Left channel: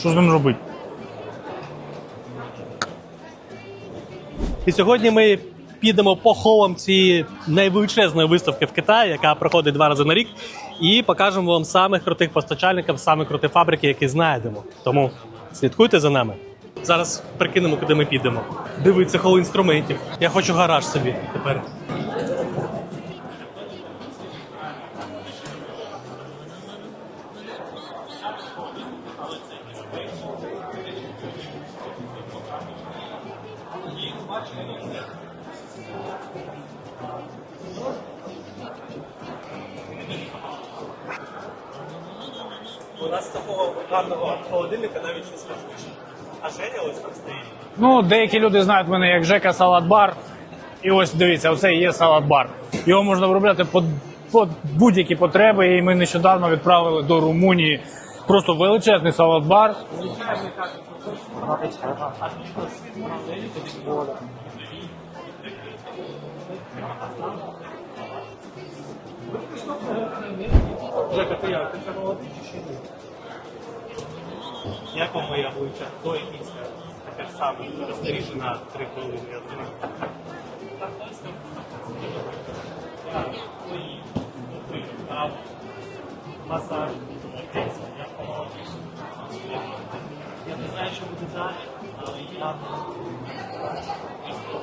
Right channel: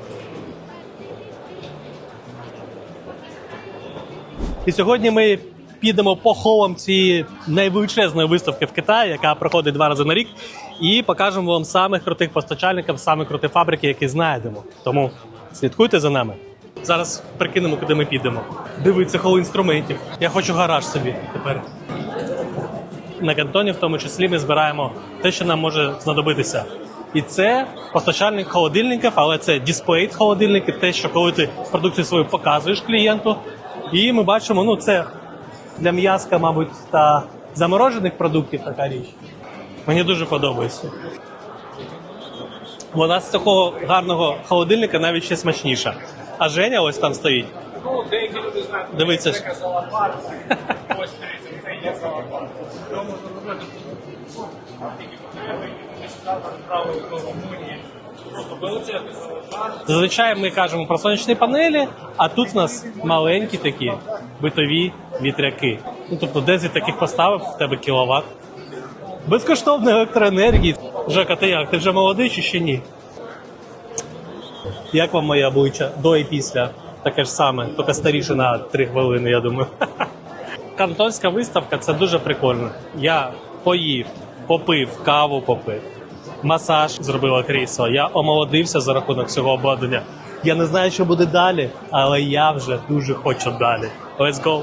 Що з ним робити? І сьогодні ми підемо по холам цієї найвеличезної виставки в Китаї, яка проходить два рази на рік, і покажемо вам самих крутих постачальників, самих круті фабрики, які знайдемо. Тому слідкуйте за нами. Зараз прикинемо, куди ми підемо. Дивіться хол інструментів. Я хочу гараж собі тепер. На кантоні, в тому числі, ми збираємо те, що нам може знадобитися. І це постачальник холодильників, але це дисплей холодильники, те, що коли ти продукцію свою показуєш клієнту. І ми бачимо, ну це для м'язка, мабуть, та заморожених продуктів така річ. Мені дуже подобається. Вона з такого гарного холодильника навіть ще смачніша. А Женя ось там стоїть. Ну, деякі люди знають мене Дивіться. як Жека Салат-бар. І ось дивіться, оце є салат-бар. Його можна виробляти під, під будь-які потреби. І ми нещодавно відправили до Румунії просто величезний салат-бар. Зазвичай ми кажемо про сонячні панелі, а тут у нас маленькі такі битові вітряки. Ну тобто 10 таких поставив, в тебе кіловат. Безкоштовної електроенергії. Жека, ти як? Ти вже молодий чи ще ні? Як вам моє обличчя до і після? Таке ж саме, тільки старіше на 3 хвилини, я думаю. Кантонська виставка це дуже прикольно. Я поїв, попив, каву попив, масаж зробила крісло. Я омолодився за рахунок цього обладнання. Я не знаю, що буде далі, але я вже дуже хочу далі. Let's go!